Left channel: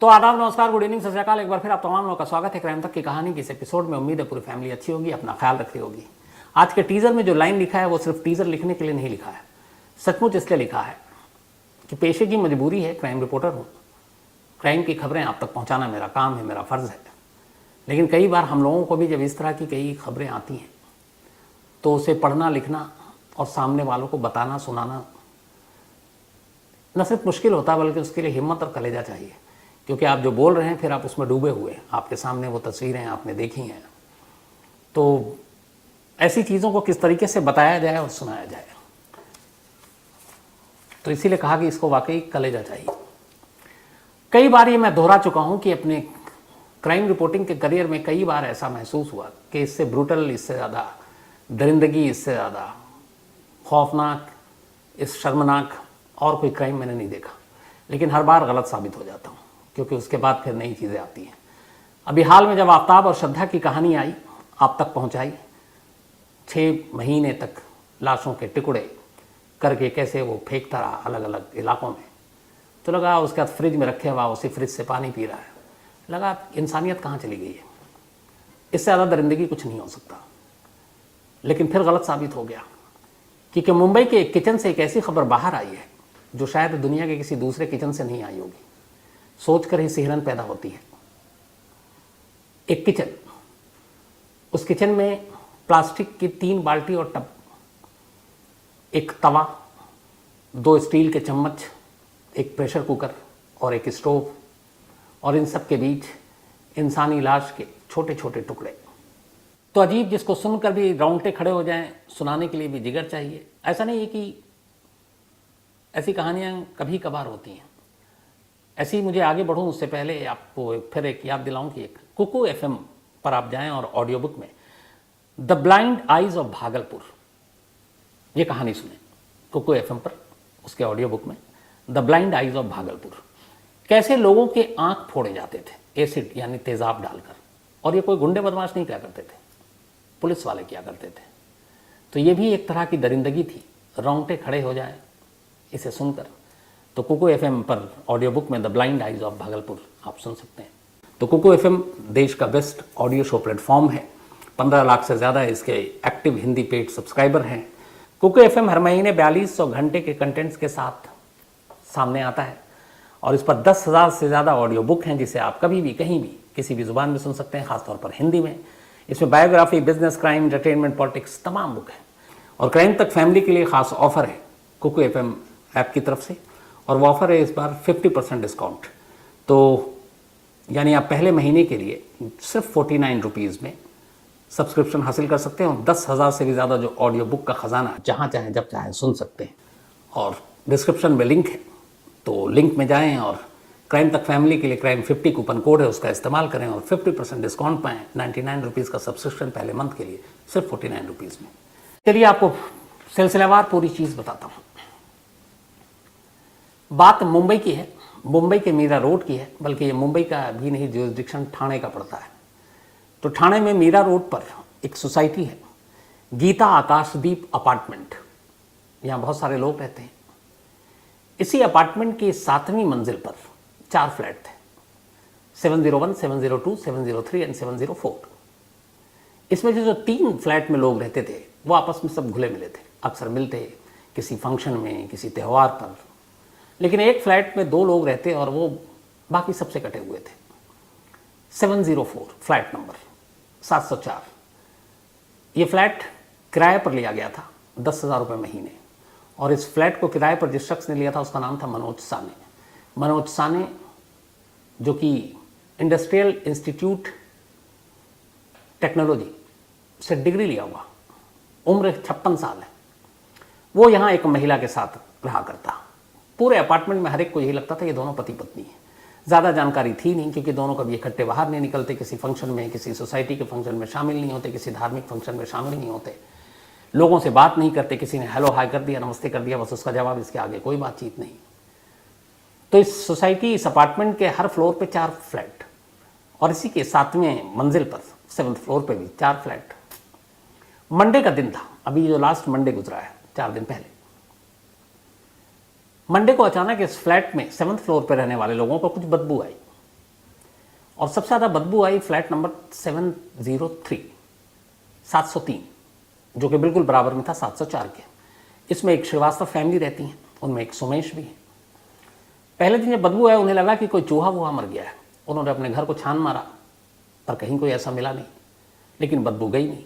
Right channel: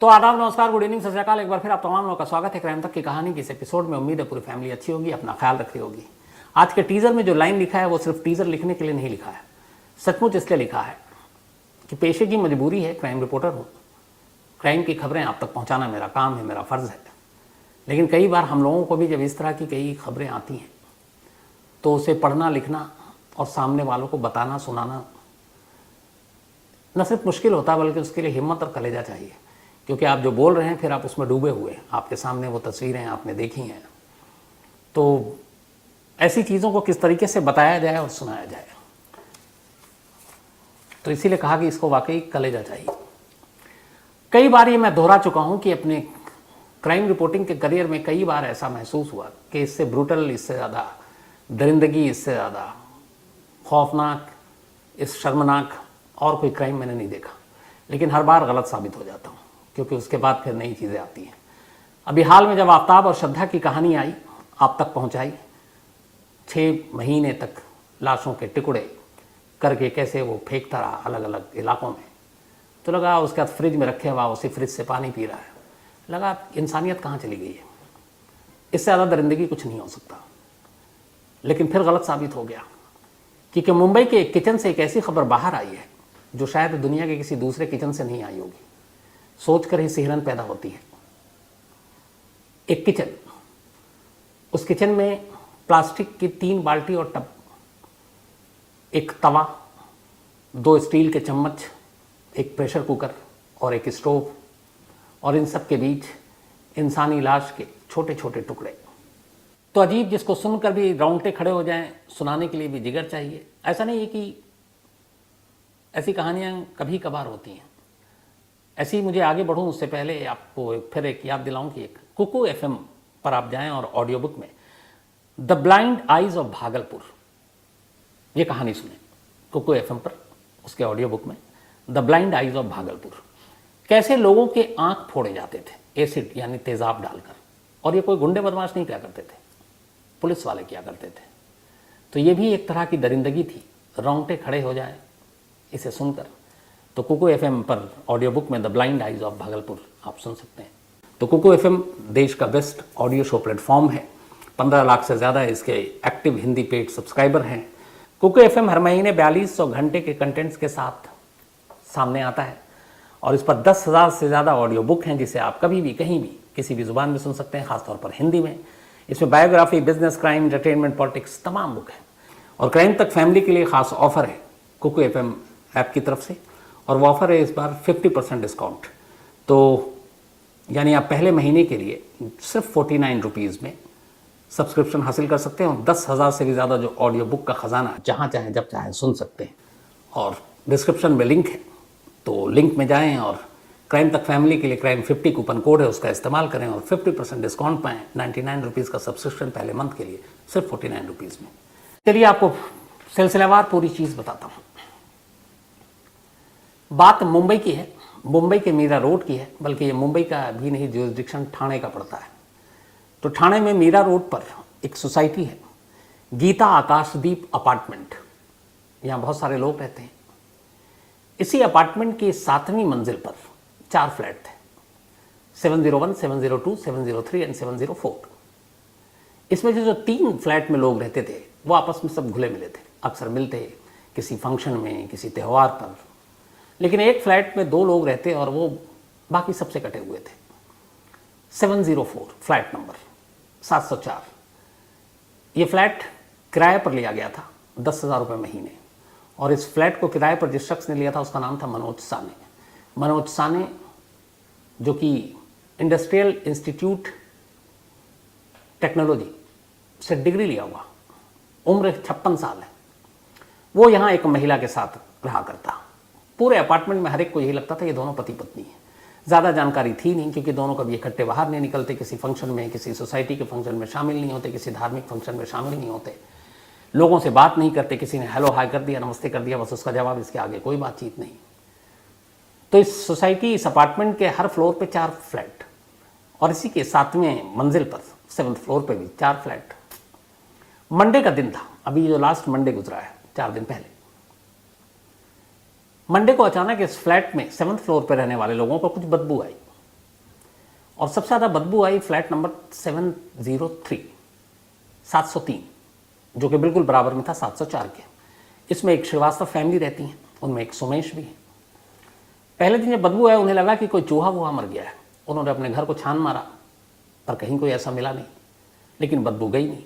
तो आदाब, नमस्कार, गुड इवनिंग, सत श्री अकाल। एक बार फिर आप तमाम लोगों का स्वागत है क्राइम तक की कहानी के इस एपिसोड में। उम्मीद है पूरी फैमिली अच्छी होगी, अपना ख्याल रख रही होगी। आज के टीजर में जो लाइन लिखा है वो सिर्फ टीजर लिखने के लिए नहीं लिखा है, सचमुच इसलिए लिखा है कि पेशे की मजबूरी है, क्राइम रिपोर्टर हूँ, क्राइम की खबरें आप तक पहुँचाना मेरा काम है, मेरा फर्ज है। लेकिन कई बार हम लोगों को भी जब इस तरह की कई खबरें आती हैं तो उसे पढ़ना, लिखना और सामने वालों को बताना, सुनाना न सिर्फ मुश्किल होता है बल्कि उसके लिए हिम्मत और कलेजा चाहिए। क्योंकि आप जो बोल रहे हैं फिर आप उसमें डूबे हुए हैं, आपके सामने वो तस्वीरें आपने देखी हैं। तो ऐसी चीज़ों को किस तरीके से बताया जाए और सुनाया जाए, तो इसीलिए कहा कि इसको वाकई कलेजा चाहिए। कई बार ये मैं दोहरा चुका हूं कि अपने क्राइम रिपोर्टिंग के करियर में कई बार ऐसा महसूस हुआ कि इससे ब्रूटल, इससे ज़्यादा दरिंदगी, इससे ज़्यादा खौफनाक, इस शर्मनाक और कोई क्राइम मैंने नहीं देखा। लेकिन हर बार गलत साबित हो जाता हूँ, क्योंकि उसके बाद फिर नई चीज़ें आती हैं। अभी हाल में जब आफ्ताब और श्रद्धा की कहानी आई, आप तक पहुँचाई, 6 महीने तक लाशों के टुकड़े करके कैसे वो फेंकता रहा अलग अलग इलाकों में, तो लगा उसके बाद फ्रिज में रखे हुआ उसी फ्रिज से पानी पी रहा है। लगा इंसानियत कहाँ चली गई है, इससे ज़्यादा दरिंदगी कुछ नहीं हो सकता। लेकिन फिर गलत साबित हो गया, क्योंकि मुंबई के एक किचन से एक ऐसी खबर बाहर आई है जो शायद दुनिया के किसी दूसरे किचन से नहीं आई होगी। सोचकर ही सिहरन पैदा होती है। एक किचन, उस किचन में प्लास्टिक की 3 बाल्टी और टब, एक तवा, 2 स्टील के चम्मच, एक प्रेशर कुकर और एक स्टोव, और इन सब के बीच इंसानी लाश के छोटे छोटे टुकड़े। तो अजीब, जिसको सुनकर भी रोंगटे खड़े हो जाएं, सुनाने के लिए भी जिगर चाहिए। ऐसा नहीं है कि ऐसी कहानियां कभी कभार होती हैं। ऐसे ही मुझे आगे बढ़ूं उससे पहले आपको फिर एक याद दिलाऊं कि एक कुकू एफएम पर आप जाएं और ऑडियो बुक में the blind eyes of Bhagalpur ये कहानी सुने। कुकू एफएम पर उसके ऑडियो बुक में the blind eyes of Bhagalpur, कैसे लोगों के आंख फोड़े जाते थे एसिड यानी तेजाब डालकर। और ये कोई गुंडे बदमाश नहीं किया करते थे, पुलिस वाले किया करते थे। तो ये भी एक तरह की दरिंदगी थी, रोंगटे खड़े हो जाए इसे सुनकर। तो कुकू एफएम पर ऑडियो बुक में the blind eyes of Bhagalpur आप सुन सकते हैं। तो कुकू एफएम देश का बेस्ट ऑडियो शो प्लेटफॉर्म है। 15 लाख से ज़्यादा इसके एक्टिव हिंदी पेड सब्सक्राइबर हैं। कुकू एफएम हर महीने 4200 घंटे के कंटेंट्स के साथ सामने आता है और इस पर 10,000 से ज़्यादा ऑडियो बुक हैं, जिसे आप कभी भी, कहीं भी, किसी भी जुबान में सुन सकते हैं, खासतौर पर हिंदी में। इसमें biography, business, crime, entertainment, politics, तमाम बुक हैं। और क्राइम तक फैमिली के लिए खास ऑफर है कुकू एफएम ऐप की तरफ से, और वो ऑफर है इस बार 50% डिस्काउंट। तो यानी आप पहले महीने के लिए सिर्फ 49 रुपीज़ में सब्सक्रिप्शन हासिल कर सकते हैं और 10,000 से भी ज़्यादा जो ऑडियो बुक का खजाना जहाँ चाहें जब चाहें सुन सकते हैं। और डिस्क्रिप्शन में लिंक है, तो लिंक में जाएं और क्राइम तक फैमिली के लिए क्राइम 50 कूपन कोड है, उसका इस्तेमाल करें और 50% डिस्काउंट पाएँ। 99 रुपीज़ का सब्सक्रिप्शन पहले मंथ के लिए, सिर्फ 49 रुपीज़ में। चलिए आपको सिलसिलेवार पूरी चीज़ बताता हूँ। बात मुंबई की है, मुंबई के मीरा रोड की है, बल्कि ये मुंबई का भी नहीं, जुरिसडिक्शन ठाणे का पड़ता है। तो ठाणे में मीरा रोड पर एक सोसाइटी है, गीता आकाशदीप अपार्टमेंट। यहाँ बहुत सारे लोग रहते हैं। इसी अपार्टमेंट की 7वीं मंजिल पर 4 फ्लैट थे, 701, 702, 703 एंड 704। इसमें जो 3 फ्लैट में लोग रहते थे वो आपस में सब घुले मिले थे, अक्सर मिलते किसी फंक्शन में, किसी त्यौहार पर। लेकिन एक फ्लैट में 2 लोग रहते और वो बाकी सबसे कटे हुए थे। 704 फ्लैट नंबर 704। ये फ्लैट किराए पर लिया गया था 10,000 रुपये महीने। और इस फ्लैट को किराए पर जिस शख्स ने लिया था उसका नाम था मनोज साने। मनोज साने, जो कि इंडस्ट्रियल इंस्टीट्यूट टेक्नोलॉजी से डिग्री लिया हुआ, उम्र 56 साल है। वो यहाँ एक महिला के साथ रहा करता। पूरे अपार्टमेंट में हर एक को यही लगता था ये दोनों पति पत्नी है। ज़्यादा जानकारी थी नहीं, क्योंकि दोनों कभी इकट्ठे बाहर नहीं निकलते, किसी फंक्शन में, किसी सोसाइटी के फंक्शन में शामिल नहीं होते, किसी धार्मिक फंक्शन में शामिल नहीं होते, लोगों से बात नहीं करते। किसी ने हेलो हाय कर दिया, नमस्ते कर दिया, बस उसका जवाब, इसके आगे कोई बातचीत नहीं। तो इस सोसाइटी, इस अपार्टमेंट के हर फ्लोर पे 4 फ्लैट, और इसी के 7वें मंजिल पर 7th फ्लोर पे भी 4 फ्लैट। मंडे का दिन था, अभी जो लास्ट मंडे गुजरा है, 4 दिन पहले। मंडे को अचानक इस फ्लैट में 7th फ्लोर पे रहने वाले लोगों को कुछ बदबू आई। और सबसे ज्यादा बदबू आई फ्लैट नंबर 703, 703, जो कि बिल्कुल बराबर में था 704 के। इसमें एक श्रीवास्तव फैमिली रहती है, उनमें एक सोमेश भी है। पहले दिन जब बदबू आया उन्हें लगा कि कोई चूहा वुहा मर गया है। उन्होंने अपने घर को छान मारा पर कहीं कोई ऐसा मिला नहीं, लेकिन बदबू गई नहीं।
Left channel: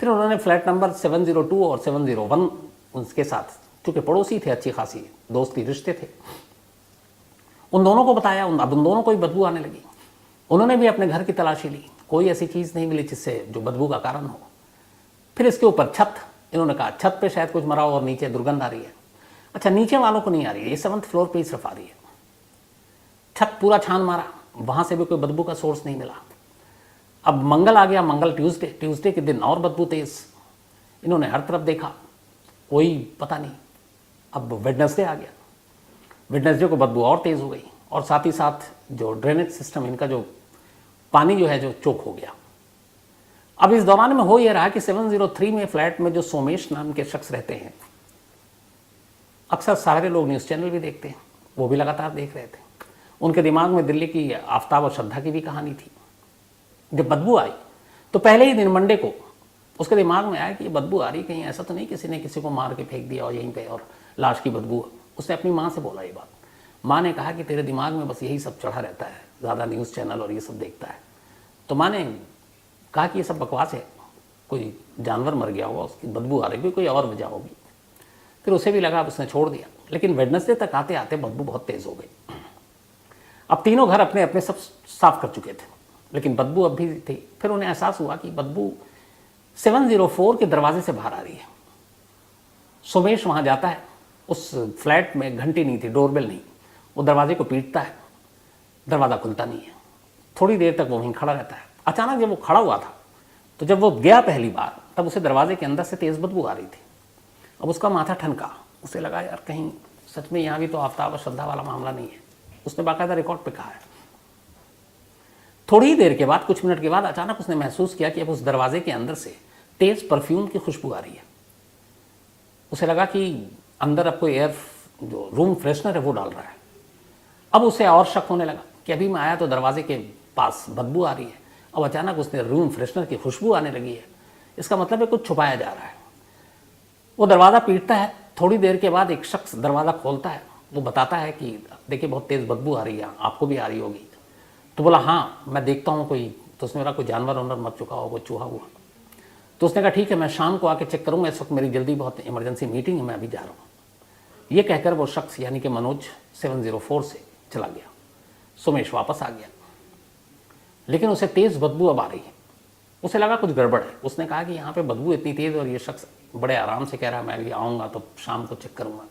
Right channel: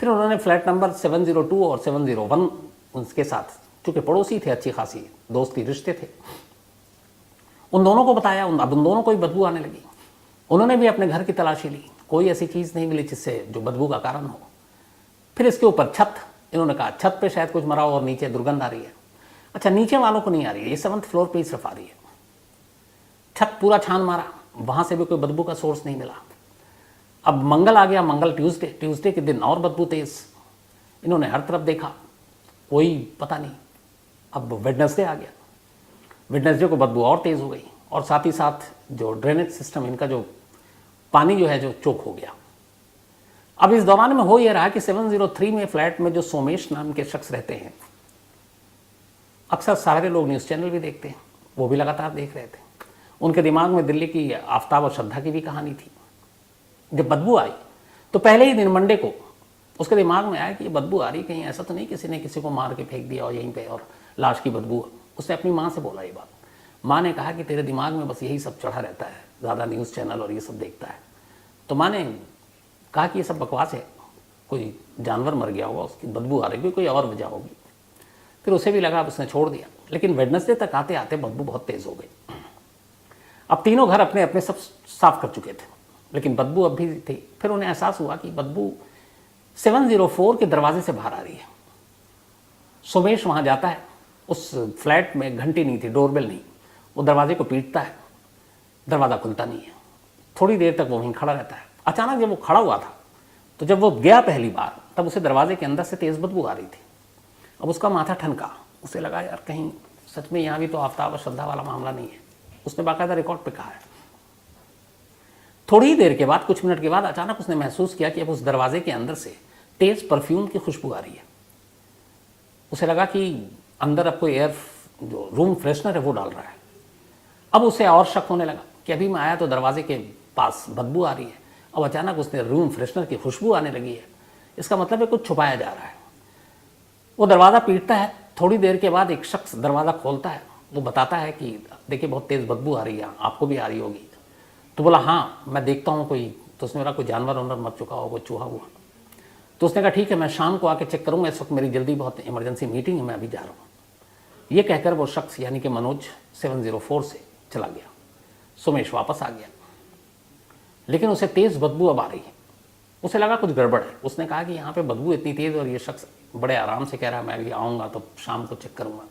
फिर उन्होंने फ्लैट नंबर 702 और 701 उसके साथ, क्योंकि पड़ोसी थे, अच्छी खासी दोस्ती रिश्ते थे, उन दोनों को बताया। अब उन दोनों को ही बदबू आने लगी। उन्होंने भी अपने घर की तलाशी ली, कोई ऐसी चीज नहीं मिली जिससे जो बदबू का कारण हो। फिर इसके ऊपर छत, इन्होंने कहा छत पे शायद कुछ मरा हो और नीचे दुर्गंध आ रही है। अच्छा, नीचे वालों को नहीं आ रही है, ये 7th फ्लोर पे ही सिर्फ आ रही है। छत पूरा छान मारा, वहां से भी कोई बदबू का सोर्स नहीं मिला। अब मंगल आ गया, मंगल ट्यूसडे के दिन और बदबू तेज। इन्होंने हर तरफ देखा, कोई पता नहीं। अब वेडनेसडे आ गया, वेडनेसडे को बदबू और तेज हो गई, और साथ ही साथ जो ड्रेनेज सिस्टम, इनका जो पानी जो है जो चोक हो गया। अब इस दौरान में हो यह रहा कि 703 में फ्लैट में जो सोमेश नाम के शख्स रहते हैं, अक्सर सारे लोग न्यूज चैनल भी देखते हैं, वो भी लगातार देख रहे थे। उनके दिमाग में दिल्ली की आफ्ताब और श्रद्धा की भी कहानी थी। जब बदबू आई तो पहले ही दिन मंडे को उसके दिमाग में आया कि ये बदबू आ रही, कहीं ऐसा तो नहीं किसी ने किसी को मार के फेंक दिया और यहीं पे और लाश की बदबू। उसने अपनी माँ से बोला ये बात। माँ ने कहा कि तेरे दिमाग में बस यही सब चढ़ा रहता है, ज़्यादा न्यूज़ चैनल और ये सब देखता है। तो माँ ने कहा कि ये सब बकवास है, कोई जानवर मर गया होगा, उसकी बदबू आ रही है, कोई और वजह होगी। फिर उसे भी लगा, उसने छोड़ दिया। लेकिन वेडनेसडे तक आते आते बदबू बहुत तेज हो गई। अब तीनों घर अपने अपने सब साफ कर चुके थे, लेकिन बदबू अब भी थी। फिर उन्हें एहसास हुआ कि बदबू 704 के दरवाजे से बाहर आ रही है। सोमेश वहां जाता है, उस फ्लैट में घंटी नहीं थी, डोरबेल नहीं, वो दरवाजे को पीटता है, दरवाजा खुलता नहीं है। थोड़ी देर तक वहीं खड़ा रहता है। अचानक जब वो खड़ा हुआ था तो जब वो गया पहली बार, तब उसे दरवाजे के अंदर से तेज बदबू आ रही थी। अब उसका माथा ठनका, उसे लगा यार कहीं सच में यहाँ भी तो आफ्ताब और श्रद्धा वाला मामला नहीं है। उसने बाकायदा रिकॉर्ड पे कहा है। थोड़ी देर के बाद, कुछ मिनट के बाद, अचानक उसने महसूस किया कि अब उस दरवाजे के अंदर से तेज परफ्यूम की खुशबू आ रही है। उसे लगा कि अंदर अब कोई एयर जो रूम फ्रेशनर है वो डाल रहा है। अब उसे और शक होने लगा कि अभी मैं आया तो दरवाजे के पास बदबू आ रही है, अब अचानक उसने रूम फ्रेशनर की खुशबू आने लगी है। इसका मतलब है कुछ छुपाया जा रहा है। वो दरवाजा पीटता है। थोड़ी देर के बाद एक शख्स दरवाजा खोलता है, वो बताता है कि देखिए बहुत तेज बदबू आ रही है, आपको भी आ रही होगी। तो बोला हाँ मैं देखता हूँ कोई, तो उसने बोला कोई जानवर वानवर मर चुका हो, कोई चूहा हुआ। तो उसने कहा ठीक है मैं शाम को आके चेक करूंगा, इस वक्त मेरी जल्दी बहुत इमरजेंसी मीटिंग है, मैं अभी जा रहा हूँ। ये कहकर वो शख्स यानी कि मनोज 704 से चला गया। सोमेश वापस आ गया, लेकिन उसे तेज बदबू अब आ रही है। उसे लगा कुछ गड़बड़ है। उसने कहा कि यहाँ पे बदबू इतनी तेज और ये शख्स बड़े आराम से कह रहा है मैं भी आऊंगा तो शाम को चेक करूंगा।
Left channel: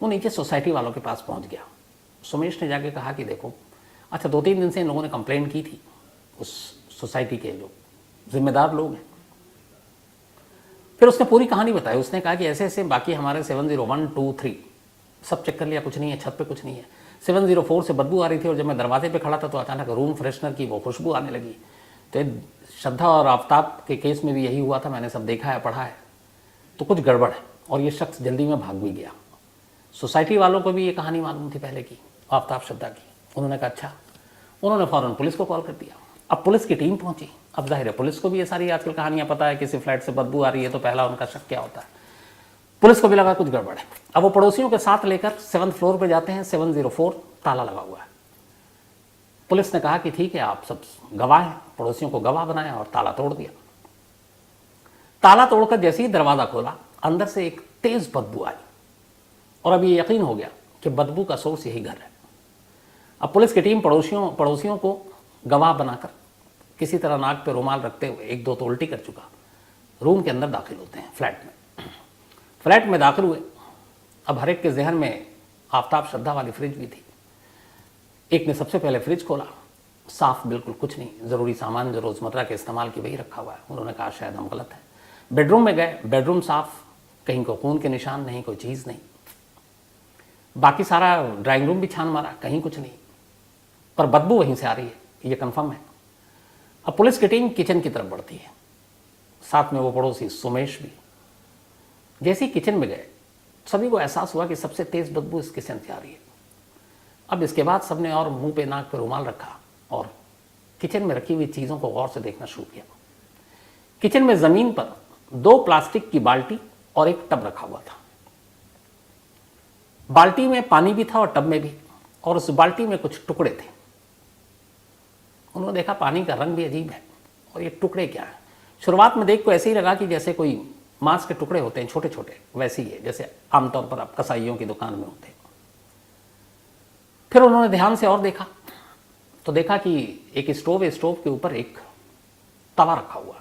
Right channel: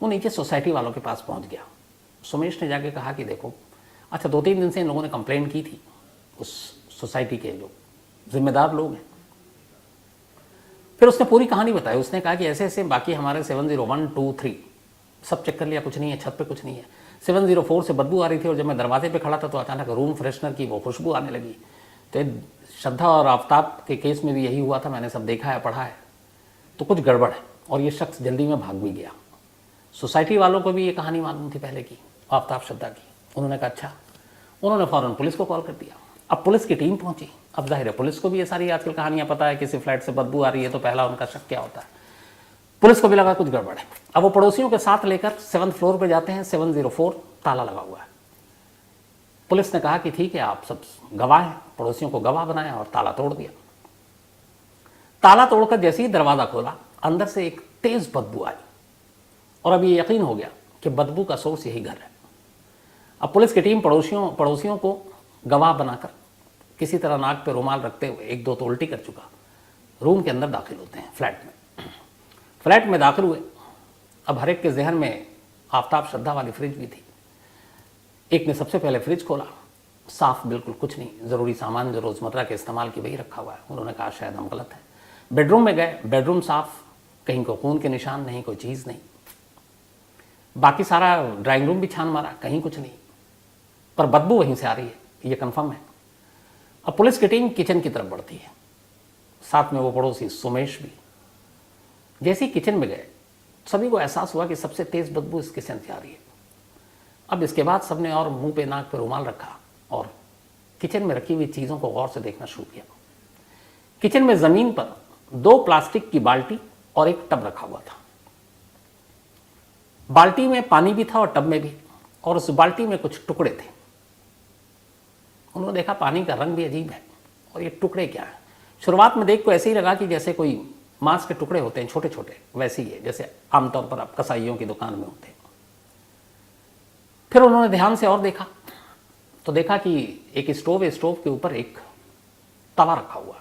वो नीचे सोसाइटी वालों के पास पहुंच गया। सोमेश ने जाके कहा कि देखो, अच्छा 2-3 दिन से इन लोगों ने कंप्लेन की थी, उस सोसाइटी के जो जिम्मेदार लोग हैं। फिर उसने पूरी कहानी बताई। उसने कहा कि ऐसे ऐसे बाकी हमारे 701, 2, 3 सब चेक कर लिया, कुछ नहीं है, छत पे कुछ नहीं है। 704 से बदबू आ रही थी और जब मैं दरवाजे पे खड़ा था तो अचानक रूम फ्रेशनर की वो खुशबू आने लगी। तो श्रद्धा और आफ्ताब के केस में भी यही हुआ था, मैंने सब देखा है, पढ़ा है, तो कुछ गड़बड़ है। और ये शख्स जल्दी में भाग भी गया। सोसाइटी वालों को भी ये कहानी मालूम थी पहले की, आफ्ताब श्रद्धा की। उन्होंने कहा अच्छा। उन्होंने फौरन पुलिस को कॉल कर दिया। अब पुलिस की टीम पहुंची। अब जाहिर है पुलिस को भी ये सारी आजकल कहानियां पता है, किसी फ्लैट से बदबू आ रही है तो पहला उनका शक क्या होता है। पुलिस को भी लगा कुछ गड़बड़ है। अब वो पड़ोसियों के साथ लेकर 7th फ्लोर पे जाते हैं। 704 ताला लगा हुआ है। पुलिस ने कहा कि ठीक है आप सब गवाह हैं, पड़ोसियों को गवाह बनाया और ताला तोड़ दिया। ताला तोड़कर जैसे ही दरवाजा खोला, अंदर से एक तेज बदबू आई और अब ये यकीन हो गया कि बदबू का सोर्स यही घर है। अब पुलिस की टीम पड़ोसियों को गवाह बनाकर किसी तरह नाक पे रुमाल रखते हुए, एक दो तो उल्टी कर चुका, रूम के अंदर दाखिल होते हैं। फ्लैट में दाखिल हुए। अब हर एक के जहन में आफ्ताब श्रद्धा वाली फ्रिज भी थी। एक ने सबसे पहले फ्रिज खोला, साफ बिल्कुल कुछ नहीं, जरूरी सामान जो रोजमर्रा के इस्तेमाल की वही रखा हुआ है। उन्होंने कहा शायद हम गलत है। बेडरूम में गए, बेडरूम साफ, कहीं कोई खून के निशान नहीं, कोई चीज नहीं। बाकी सारा ड्राइंग रूम भी छान मारा, कहीं कुछ नहीं, पर बदबू वहीं से आ रही है, ये कंफर्म है। अब पुलिस की टीम किचन की तरफ बढ़ती है, साथ में वो पड़ोसी सुमेश भी। जैसे ही किचन में गए, सभी को एहसास हुआ कि सबसे तेज बदबू इस किचन से आ रही है। अब इसके बाद सबने और मुंह पे नाक पे रुमाल रखा और किचन में रखी हुई चीजों को गौर से देखना शुरू किया। किचन में जमीन पर 2 प्लास्टिक की बाल्टी और एक टब रखा हुआ था। बाल्टी में पानी भी था और टब में भी, और उस बाल्टी में कुछ टुकड़े थे। उन्होंने देखा पानी का रंग भी अजीब है और ये टुकड़े क्या है। शुरुआत में देख को ऐसे ही लगा कि जैसे कोई मांस के टुकड़े होते हैं छोटे छोटे, वैसे ही है जैसे आमतौर पर आप कसाईयों की दुकान में होते हैं। फिर उन्होंने ध्यान से और देखा तो देखा कि एक स्टोव है, स्टोव के ऊपर एक तवा रखा हुआ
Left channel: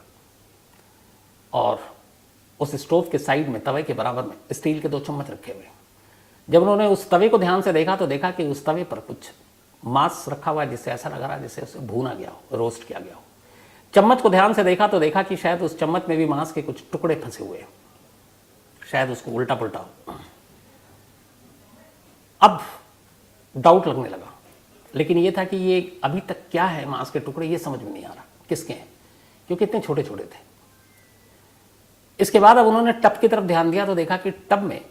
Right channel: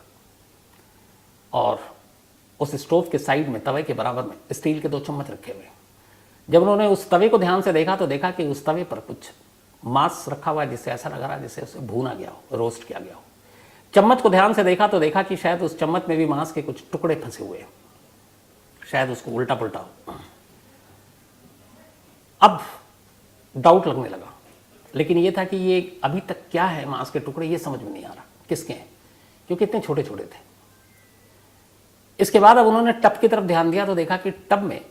और उस स्टोव के साइड में तवे के बराबर में स्टील के 2 चम्मच रखे हुए हैं। जब उन्होंने उस तवे को ध्यान से देखा तो देखा कि उस तवे पर कुछ मांस रखा हुआ है, जिससे ऐसा लग रहा है जैसे उसे भूना गया, रोस्ट किया गया हो। चम्मच को ध्यान से देखा तो देखा कि शायद उस चम्मच में भी मांस के कुछ टुकड़े फंसे हुए हैं, शायद उसको उल्टा पुल्टा। अब डाउट लगने लगा, लेकिन ये था कि ये अभी तक क्या है, मांस के टुकड़े, ये समझ में नहीं आ रहा किसकी है, क्योंकि इतने छोटे छोटे थे। इसके बाद अब उन्होंने टब की तरफ ध्यान दिया तो देखा कि टब में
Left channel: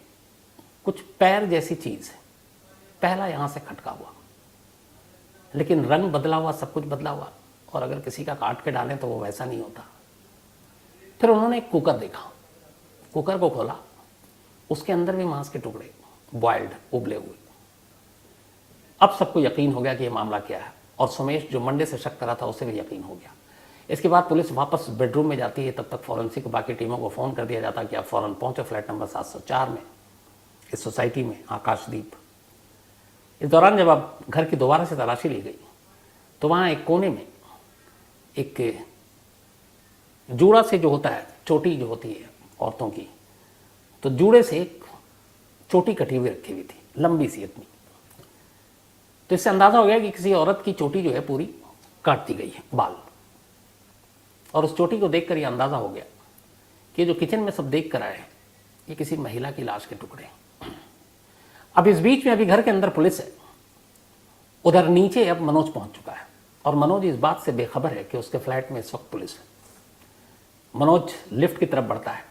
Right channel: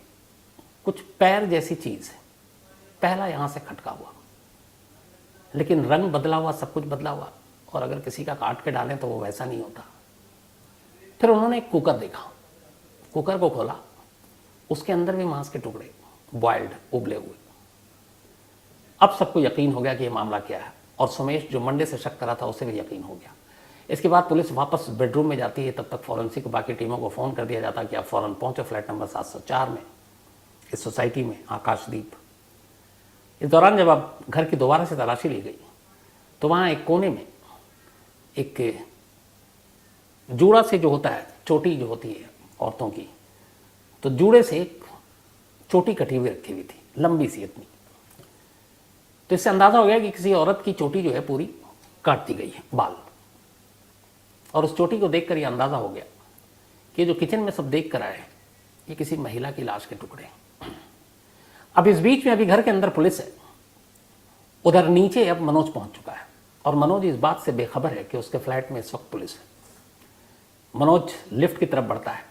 कुछ पैर जैसी चीज है, पहला यहां से खटका हुआ, लेकिन रंग बदला हुआ, सब कुछ बदला हुआ, और अगर किसी का काट के डालें तो वो वैसा नहीं होता। फिर उन्होंने एक कुकर देखा, कुकर को खोला, उसके अंदर भी मांस के टुकड़े, बॉइल्ड, उबले हुए। अब सबको यकीन हो गया कि ये मामला क्या है, और सुमेश जो मंडे से शक करा था उसे भी यकीन हो गया। इसके बाद पुलिस वापस बेडरूम में जाती है, तब तक फॉरेंसिक बाकी टीमों को फोन कर दिया जाता कि आप फौरन पहुंचे फ्लैट नंबर 704 में, इस सोसाइटी में, आकाशदीप। इस दौरान जब आप घर की दोबारा से तलाशी ली गई तो वहां एक कोने में एक जूड़ा से जो होता है, चोटी जो होती है औरतों की, तो जूड़े से एक चोटी कटी हुई रखी हुई थी, लंबी सी। तो इससे अंदाजा हो गया कि किसी औरत की चोटी जो है पूरी काट दी गई है, बाल। और उस चोटी को देखकर यह अंदाजा हो गया कि जो किचन में सब देख कर आए हैं ये किसी महिला की लाश के टुकड़े। अब इस बीच में अभी घर के अंदर पुलिस है, उधर नीचे अब मनोज पहुंच चुका है, और मनोज इस बात से बेखबर है कि उसके फ्लैट में इस वक्त पुलिस है। मनोज लिफ्ट की तरफ बढ़ता है,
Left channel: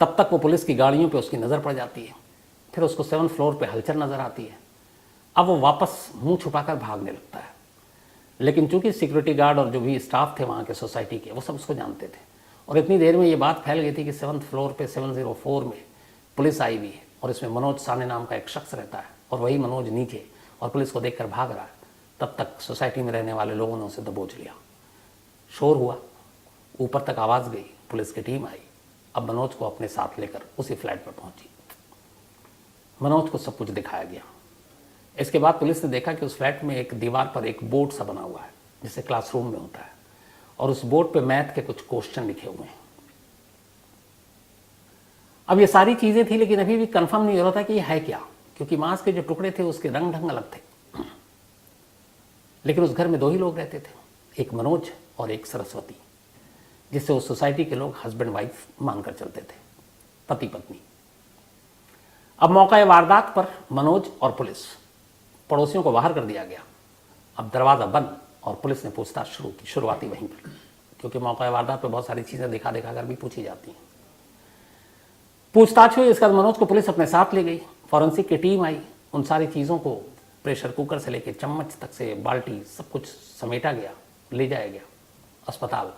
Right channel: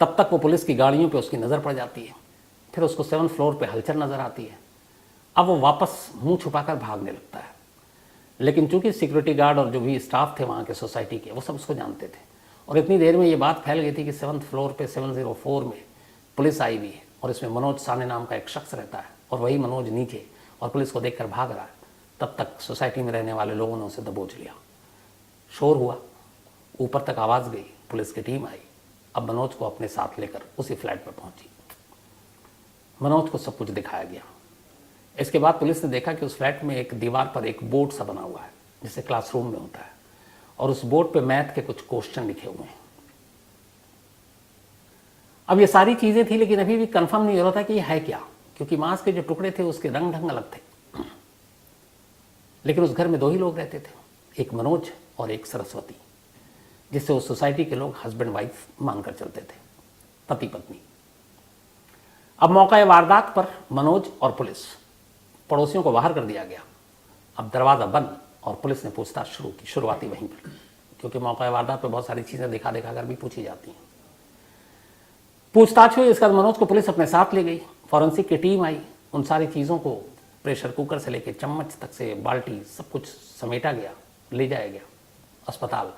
तब तक वो पुलिस की गाड़ियों पे उसकी नजर पड़ जाती है। फिर उसको 7th फ्लोर पे हलचल नजर आती है। अब वो वापस मुंह छुपाकर भागने लगता है, लेकिन चूंकि सिक्योरिटी गार्ड और जो भी स्टाफ थे वहां के सोसाइटी के, वो सब उसको जानते थे, और इतनी देर में ये बात फैल गई थी कि 7th फ्लोर पे 704 में पुलिस आई हुई है, और इसमें मनोज साने नाम का एक शख्स रहता है, और वही मनोज नीचे, और पुलिस को देखकर भाग रहा। तब तक सोसाइटी में रहने वाले लोगों ने उसे दबोच लिया, शोर हुआ, ऊपर तक आवाज गई, पुलिस की टीम आई। अब मनोज को अपने साथ लेकर उसी फ्लैट पर पहुंची। मनोज को सब कुछ दिखाया गया। इसके बाद पुलिस ने देखा कि उस फ्लैट में एक दीवार पर एक बोर्ड सा बना हुआ है, जैसे क्लासरूम में होता है, और उस बोर्ड पे मैथ के कुछ क्वेश्चन लिखे हुए हैं। अब ये सारी चीजें थी, लेकिन अभी भी कंफर्म नहीं हो रहा था कि ये है क्या, क्योंकि मांस के जो टुकड़े थे उसके रंग ढंग अलग थे। लेकिन उस घर में 2 ही लोग रहते थे, एक मनोज और एक सरस्वती, जिससे उस सोसाइटी के लोग हस्बैंड वाइफ मानकर चलते थे, पति पत्नी। अब मौका वारदात पर मनोज और पुलिस, पड़ोसियों को बाहर कर दिया गया। अब दरवाजा बंद और पुलिस ने पूछताछ शुरू की, शुरुआती वहीं पर, क्योंकि मौका वारदात पे बहुत सारी चीजें देखा कर भी पूछी जाती हैं। पूछताछ हुई, इसके बाद मनोज को पुलिस अपने साथ ले गई, फॉरेंसिक की टीम आई, उन सारी चीजों को प्रेशर कुकर से लेकर चम्मच तक से बाल्टी सब कुछ समेटा गया, ले जाया गया अस्पताल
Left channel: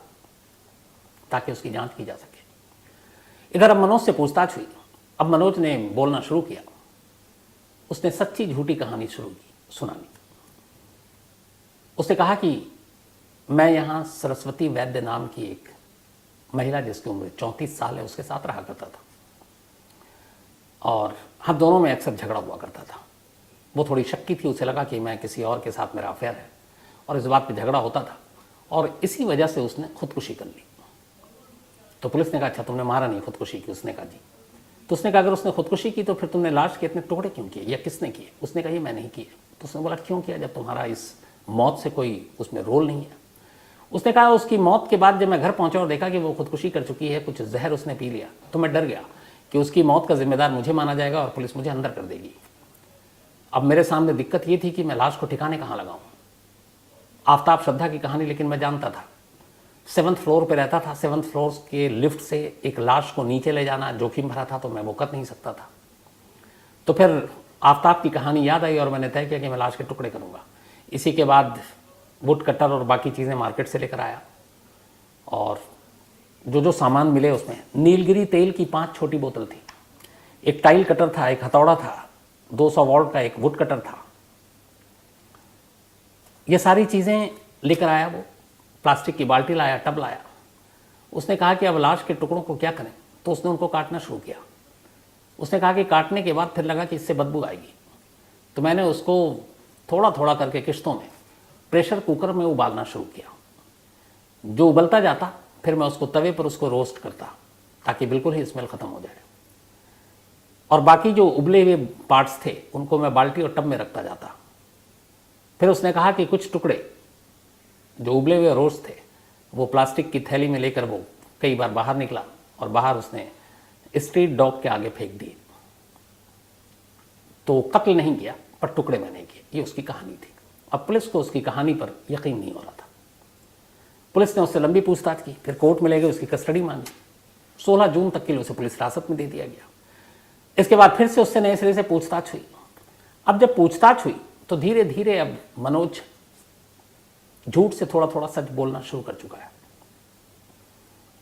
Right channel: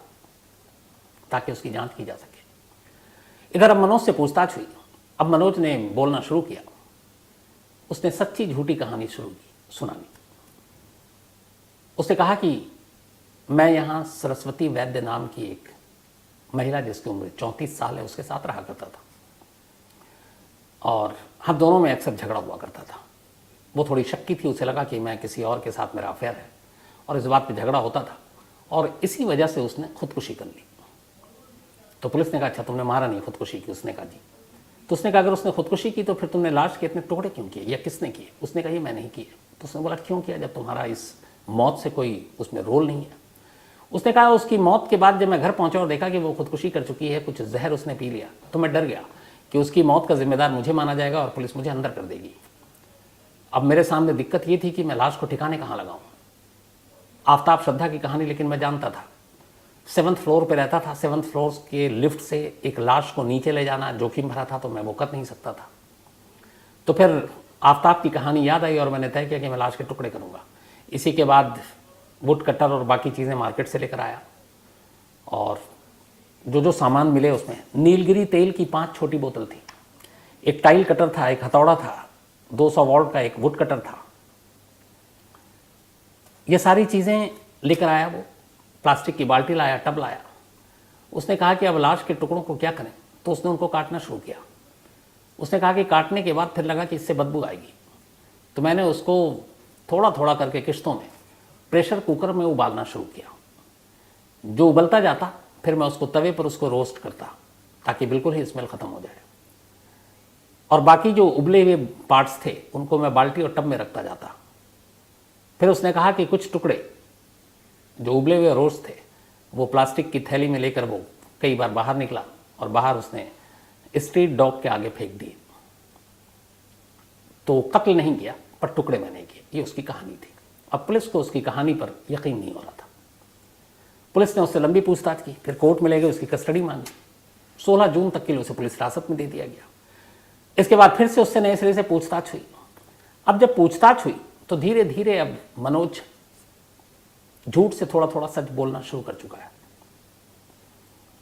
ताकि उसकी जांच की जा सके। इधर अब मनोज से पूछताछ हुई। अब मनोज ने बोलना शुरू किया, उसने सच्ची झूठी कहानी सुनाई। उसने कहा कि मैं यहां सरस्वती वैद्य नाम की एक महिला, जिसकी उम्र 34 साल है, उसके साथ रहा करता था, और हम दोनों में अक्सर झगड़ा हुआ करता था। वो थोड़ी शक्की थी, उसे लगा कि मैं किसी और के साथ मेरा अफेयर है, और इस बात पे झगड़ा होता था, और इसी वजह से उसने खुदकुशी कर ली। तो पुलिस ने कहा अच्छा तुमने मारा नहीं, खुदकुशी की? उसने कहा जी। तो उसने कहा अगर उसने खुदकुशी की तो फिर तुमने लाश के इतने टुकड़े क्यों किए, या किसने किए? उसने कहा मैं नहीं किया। तो उसने बोला क्यों किया, जब तुम्हारा इस मौत से कोई उसमें रोल नहीं है? उसने कहा उसकी मौत के बाद जब मैं घर पहुंचा और देखा कि वो खुदकुशी कर चुकी है, कुछ जहर उसने पी लिया, तो मैं डर गया कि उसकी मौत का जिम्मेदार मुझे माना जाएगा और पुलिस मुझे अंदर कर देगी। अब मेरे सामने दिक्कत ये थी कि मैं लाश को ठिकाने कहां लगाऊं। आफ्ताब श्रद्धा की कहानी लेकिन मैं जानता था, 7th फ्लोर पे रहता था, 7th फ्लोर के लिफ्ट से एक लाश को नीचे ले जाना जोखिम भरा था, तो मैं वो कर नहीं सकता था। तो फिर आफ्ताब की कहानी याद आई और मैंने तय किया कि मैं लाश के टुकड़े करूंगा। इसी के बाद वुड कटर और बाकी चीज़ें मार्केट से लेकर आया, और जो जो सामान मिले उसमें नीलगिरी तेल की 5 छोटी बोतल थी, एक टाइल कटर था, एक हथौड़ा था, 200 वोल्ट का एक वुड कटर था। ये सारी चीज़ें लेकर आया वो। प्लास्टिक की बाल्टी लाया, टब लाया। उसने कहा कि अब लाश के टुकड़ों को क्या करें, तो उसने उनको काटना शुरू किया। उसने कहा कि काटने के बाद फिर लगा कि इससे बदबू आएगी, तो मैंने उसको थोड़ा थोड़ा करके किश्तों में प्रेशर कुकर में उबालना शुरू किया। जो उबलता जाता फिर मैं उसको तवे पर उसको रोस्ट करता ताकि बिल्कुल ही स्मेल खत्म हो जाए, और बाकी जो उबले हुए पार्ट्स थे उनको मैं बाल्टी और टब में रखता जाता। फिर उसने कहा कि कुछ टुकड़े जो उबले हुए रोस्ट थे वो प्लास्टिक की थैली में लेकर वो कई बार बाहर निकला, और बाहर उसने स्ट्रीट डॉग के आगे फेंक दिए। तो कत्ल नहीं किया पर टुकड़े में नहीं किए। ये उसकी कहानी थी। अब पुलिस को उसकी कहानी पर यकीन नहीं हो रहा था। पुलिस ने उससे लंबी पूछताछ की, फिर कोर्ट में ले गए, उसकी कस्टडी मांगी। 16 जून तक के लिए उसे पुलिस हिरासत में दे दिया गया। इसके बाद फिर से उससे नए सिरे से पूछताछ हुई। अब जब पूछताछ हुई तो धीरे धीरे अब मनोज झूठ से थोड़ा थोड़ा सच बोलना शुरू कर चुका है।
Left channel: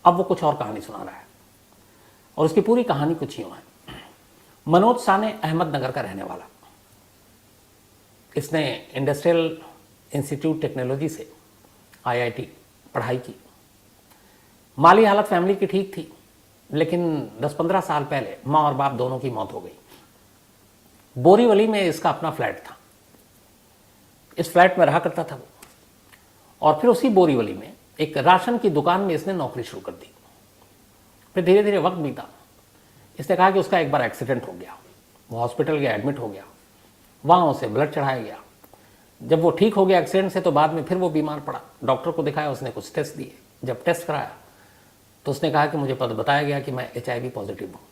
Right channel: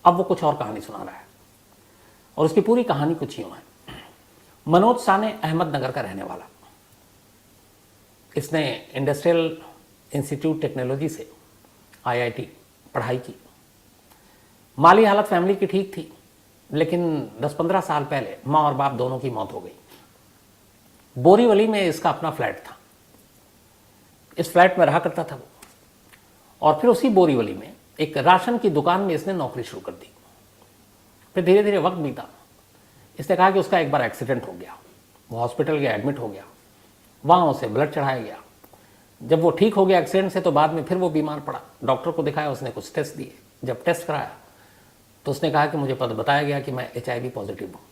अब वो कुछ और कहानी सुना रहा है, और उसकी पूरी कहानी कुछ यूं है। मनोज साने अहमदनगर का रहने वाला। इसने इंडस्ट्रियल इंस्टीट्यूट टेक्नोलॉजी से IIT पढ़ाई की। माली हालत फैमिली की ठीक थी, लेकिन 10-15 साल पहले माँ और बाप दोनों की मौत हो गई। बोरीवली में इसका अपना फ्लैट था। इस फ्लैट में रहा करता था, और फिर उसी बोरीवली में एक राशन की दुकान में इसने नौकरी शुरू कर दी। फिर धीरे धीरे वक्त बीता। इसने कहा कि उसका एक बार एक्सीडेंट हो गया, वो हॉस्पिटल गया, एडमिट हो गया, वहां उसे ब्लड चढ़ाया गया। जब वो ठीक हो गया एक्सीडेंट से, तो बाद में फिर वो बीमार पड़ा। डॉक्टर को दिखाया, उसने कुछ टेस्ट दिए। जब टेस्ट कराया तो उसने कहा कि मुझे बताया गया कि मैं HIV पॉजिटिव हूँ,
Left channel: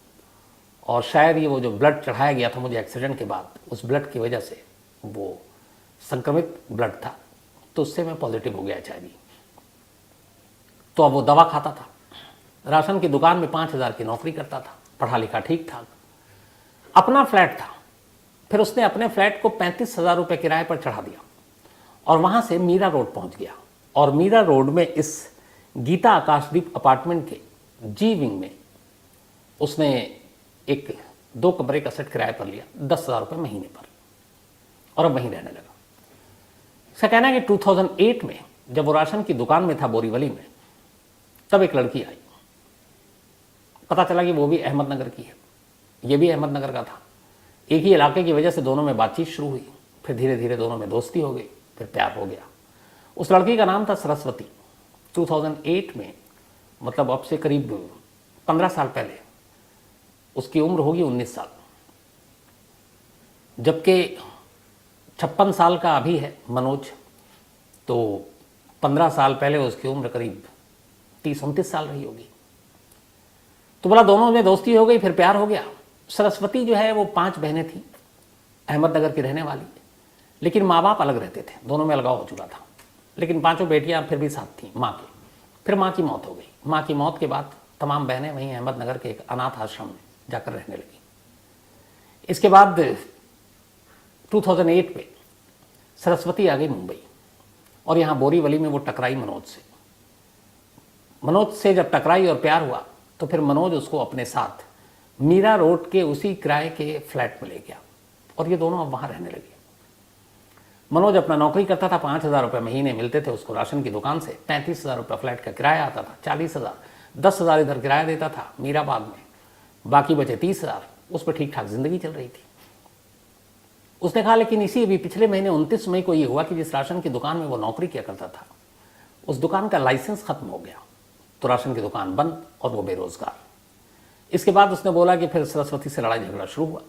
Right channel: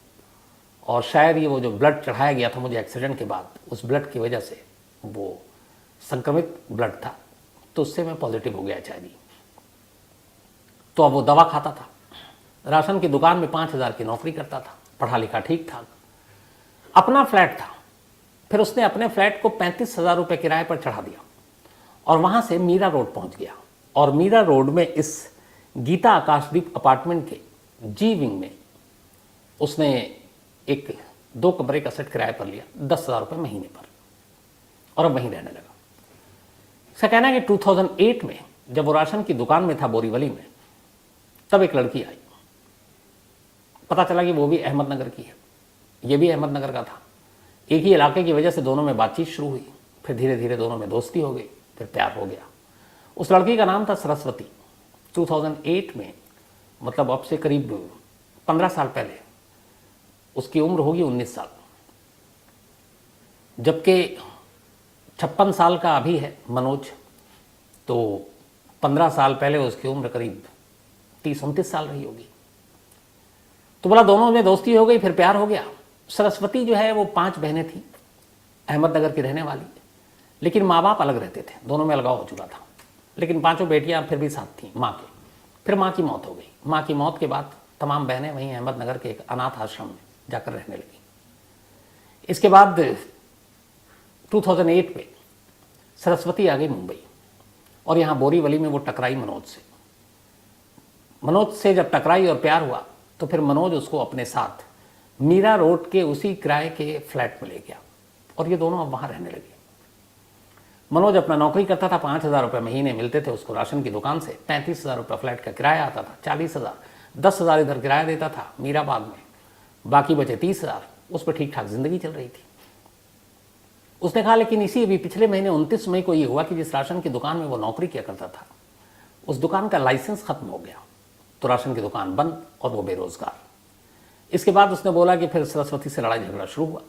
और शायद ये वो जो ब्लड चढ़ाया गया था मुझे एक्सीडेंट के बाद, उस ब्लड की वजह से वो संक्रमित ब्लड था, तो उससे मैं पॉजिटिव हो गया HIV। तो अब वो दवा खाता था, राशन की दुकान में 5,000 की नौकरी करता था, पढ़ा लिखा ठीक था, अपना फ्लैट था। फिर उसने अपने फ्लैट को 35,000 रुपये किराए पर चढ़ा दिया, और वहां से मीरा रोड पहुंच गया। और मीरा रोड में इस गीता आकाशदीप अपार्टमेंट की जी विंग में उसने एक 2 कमरे का सेट किराए पर लिया 10,000 रुपये महीने पर, और अब वहीं रहने लगा। इसका कहना है कि 2008 में जब वो राशन की दुकान में था बोरीवली में, तब एक लड़की आई। पता चला कि वो भी अहमदनगर की है, ये भी अहमदनगर का था। एक ही इलाके की वजह से दोनों में बातचीत शुरू हुई, फिर धीरे धीरे दोनों में दोस्ती हो गई, फिर प्यार हो गया। उस लड़की का नाम था सरस्वती। 2008 में, मतलब अब से करीब 15 साल पहले, उसकी उम्र होगी 19 साल, जबकि 56 साल का अभी है मनोज। तो 15 साल पहले उसकी उम्र करीब 30-29 साल रही होगी। तो बोला दोनों में दोस्ती हो गई, फिर प्यार हो गया। सरस्वती जो है वो 5 बहनें थी, अहमदनगर की रहने वाली, लेकिन माँ बाप अलग रहते थे, दोनों में अलगाव हो चुका था। लेकिन 5 बेटियां फिर भी साथ थी माँ की। फिर माँ की मौत हो गई। माँ की मौत के बाद तमाम बहनें वहीं अहमदनगर के एक अनाथ आश्रम में जाकर रहने लगी। इसके बाद 2008 में सरस्वती आ गई मुंबई, और यहाँ बोरीवली में वो टकराई मनोज से। जब टकराई और प्यार हुआ तो फिर मनोज उसको अपने साथ मीरा रोड के उसी किराए के फ्लैट में ले गया, और ये दोनों अब वहां रहने लगे। मनोज अपना नौकरी करता था, 5,000 रुपये महीने मिलते थे उसको राशन की दुकान से। 35,000 रुपये फ्लैट का किराया आता था, 40,000, 10,000 इधर किराया देता था मीराबाग में, बाकी बचे 30,000। उस पर ठीक ठाक जिंदगी चल रही थी। उसने कहा लेकिन इसी भी पिछले महीने 29 मई को ये हुआ कि जिस राशन की दुकान में वो नौकरी किया करता था, उस दुकान का लाइसेंस खत्म हो गया, तो राशन की दुकान बंद और वो बेरोजगार। इसके बाद उसने बोला कि फिर सरस्वती से लड़ाई झगड़ा शुरू हुआ।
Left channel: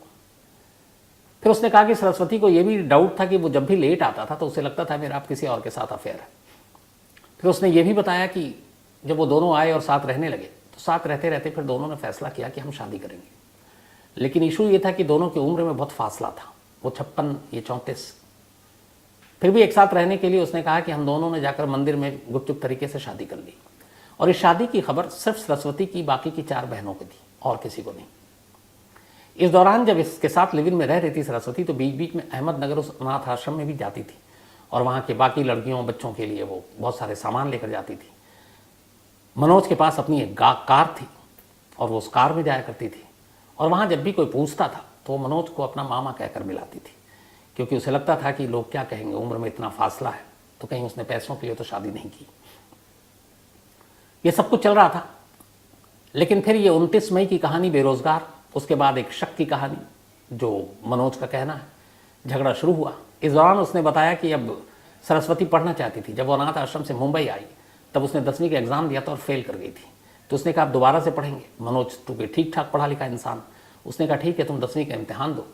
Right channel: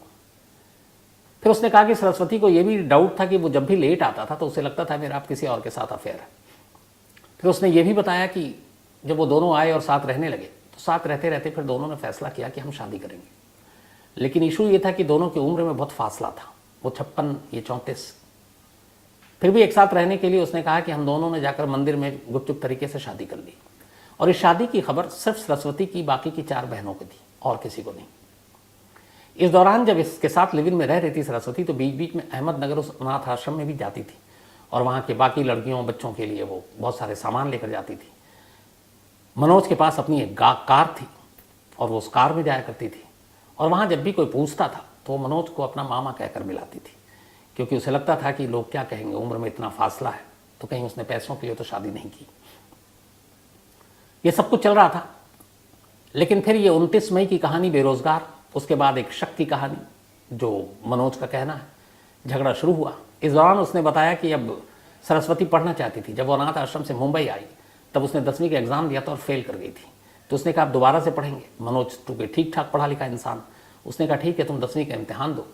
फिर उसने कहा कि सरस्वती को यह भी डाउट था कि वो जब भी लेट आता था तो उसे लगता था मेरा आप किसी और के साथ अफेयर है। फिर उसने ये भी बताया कि जब वो दोनों आए और साथ रहने लगे, तो साथ रहते रहते फिर दोनों ने फैसला किया कि हम शादी करेंगे। लेकिन इशू ये था कि दोनों की उम्र में बहुत फासला था, वो 56, ये 34। फिर भी एक साथ रहने के लिए उसने कहा कि हम दोनों ने जाकर मंदिर में गुपचुप तरीके से शादी कर ली। और इस शादी की खबर सिर्फ सरस्वती की, बाकी की 4 बहनों की थी, और किसी को नहीं। इस दौरान जब इसके साथ लिविंग में रह रही थी सरस्वती, तो बीच बीच में अहमदनगर उस अनाथ आश्रम में भी जाती थी। और वहाँ की बाकी लड़कियों बच्चों के लिए वो बहुत सारे सामान लेकर जाती थी। मनोज के पास अपनी एक कार थी और वो उस कार में जाया करती थी, और वहाँ जब भी कोई पूछता था तो वो मनोज को अपना मामा कहकर मिलाती थी, क्योंकि उसे लगता था कि लोग क्या कहेंगे, उम्र में इतना फासला है, तो कहीं उसने पैसों के लिए तो शादी नहीं की। ये सब कुछ चल रहा था। लेकिन फिर ये 29 मई की कहानी बेरोजगार, उसके बाद एक शक की कहानी जो मनोज का कहना है, झगड़ा शुरू हुआ। इस दौरान उसने बताया कि अब सरस्वती पढ़ना चाहती थी। जब वो अनाथ आश्रम से मुंबई आई तब उसने 10वीं का एग्जाम दिया था और फेल कर गई थी। तो उसने कहा आप दोबारा से पढ़ेंगे? मनोज तो कोई ठीक ठाक पढ़ा लिखा इंसान, उसने कहा ठीक है तुम 10वीं का इम्तिहान दो।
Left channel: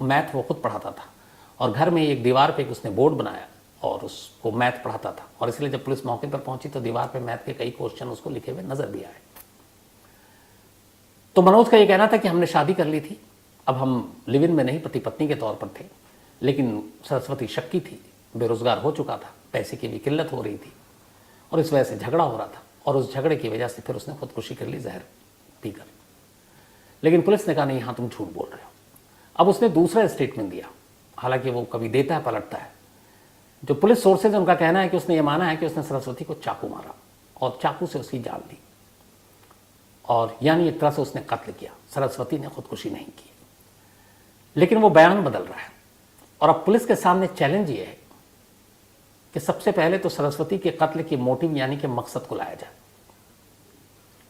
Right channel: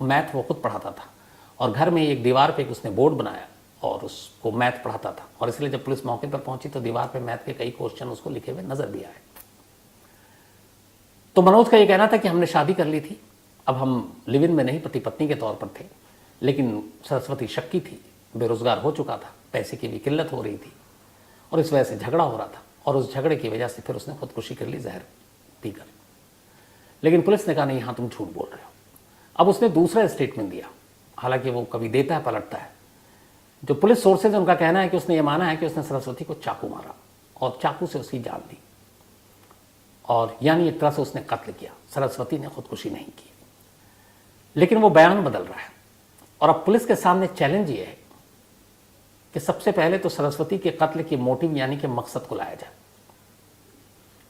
मैथ वो खुद पढ़ाता था और घर में एक दीवार पे उसने बोर्ड बनाया और उसको मैथ पढ़ाता था, और इसलिए जब पुलिस मौके पर पहुंची तो दीवार पे मैथ के कई क्वेश्चन उसको लिखे हुए नजर दिया है। तो मनोज का ये कहना था कि हमने शादी कर ली थी, अब हम लिव इन में नहीं पति पत्नी के तौर पर थे, लेकिन सरस्वती शक्की थी, बेरोजगार हो चुका था, पैसे की भी किल्लत हो रही थी और इस वजह से झगड़ा हो रहा था, और उस झगड़े की वजह से फिर उसने खुदकुशी कर ली जहर पीकर। लेकिन पुलिस ने कहा नहीं, हाँ तुम झूठ बोल रहे हो। अब उसने दूसरा स्टेटमेंट दिया, हालांकि वो कभी देता है पलटता है। जो पुलिस सोर्सेज उनका कहना है कि उसने ये माना है कि उसने सरस्वती को चाकू मारा और चाकू से उसकी जान दी, और यानी एक तरह से उसने कत्ल किया। सरस्वती ने खुदकुशी नहीं की। लेकिन वो बयान बदल रहा है, और अब पुलिस के सामने चैलेंज ये है कि सबसे पहले तो सरस्वती के कत्ल की मोटिव यानी कि मकसद को लाया जाए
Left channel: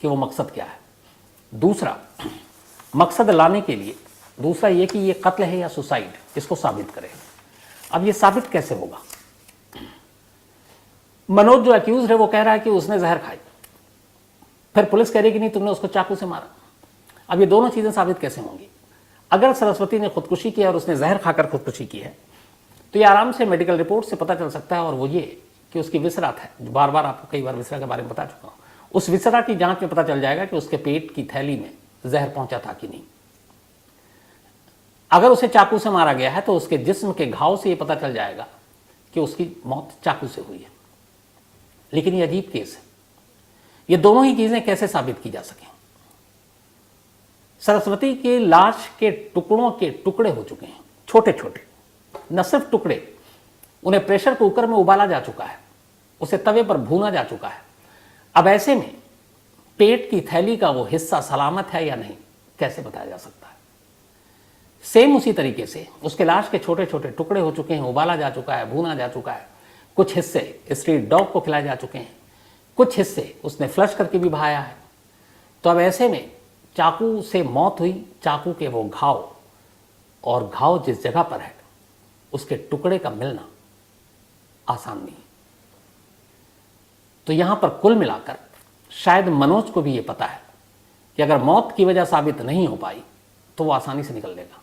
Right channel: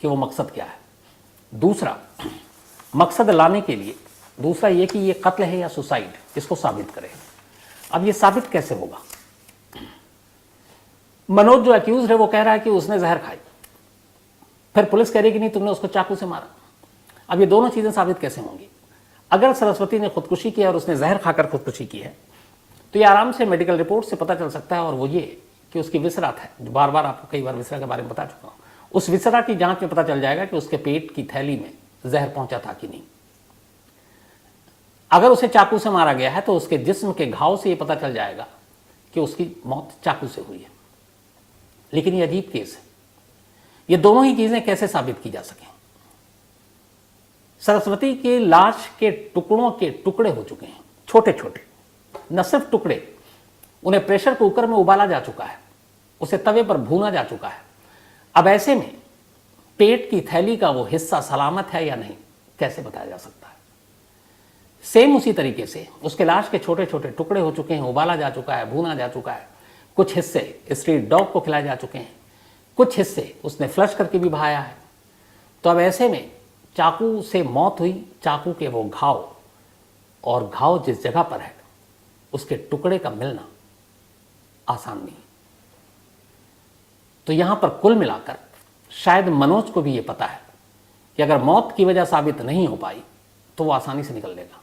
कि वो मकसद क्या है। दूसरा, मकसद लाने के लिए दूसरा ये कि ये कत्ल है या सुसाइड, इसको साबित करें। अब ये साबित कैसे होगा? मनोज जो अक्यूज है वो कह रहा है कि उसने जहर खाई, फिर पुलिस कह रही कि नहीं तुमने उसको चाकू से मारा। अब ये दोनों चीजें साबित कैसे होंगी? अगर सरस्वती ने खुदकुशी की और उसने जहर खाकर खुदकुशी की है तो ये आराम से मेडिकल रिपोर्ट से पता चल सकता है, और वो ये कि उसकी विसरा था। बार बार आपको कई बार विसरा के बारे में बता चुका हूं। उस विसरा की जांच में पता चल जाएगा कि उसके पेट की थैली में जहर पहुंचा था कि नहीं। अगर उसे चाकू से मारा गया है तो उसके जिस्म के घाव से ये पता चल जाएगा कि उसकी मौत चाकू से हुई है। लेकिन ये अजीब केस है, ये दोनों ही चीजें कैसे साबित की जा सके? सरस्वती की लाश के टुकड़ों के टुकड़े हो चुके हैं, छोटे छोटे, न सिर्फ टुकड़े, उन्हें प्रेशर कुकर में उबाला जा चुका है, उसे तवे पर भूना जा चुका है। अब ऐसे में पेट की थैली का वो हिस्सा सलामत है या नहीं, कैसे बताया जा सकता है? सेम उसी तरीके से उसके लाश के छोटे छोटे टुकड़े हो चुके हैं, उबाला जा चुका है, भूना जा चुका है, कुछ हिस्से स्ट्रीट डॉग को खिलाए जा चुके हैं, कुछ हिस्से उसने फ्लश करके भी बहाया है। तो अब ऐसे में चाकू से मौत हुई, चाकू के वो घाव, और घाव जिस जगह पर है उसके टुकड़े का मिलना आसान नहीं। तो यहां पर कुल मिलाकर शायद मनोज को भी यह पता है कि अगर मौत की वजह साबित नहीं हो पाई तो वो आसानी से निकल देगा,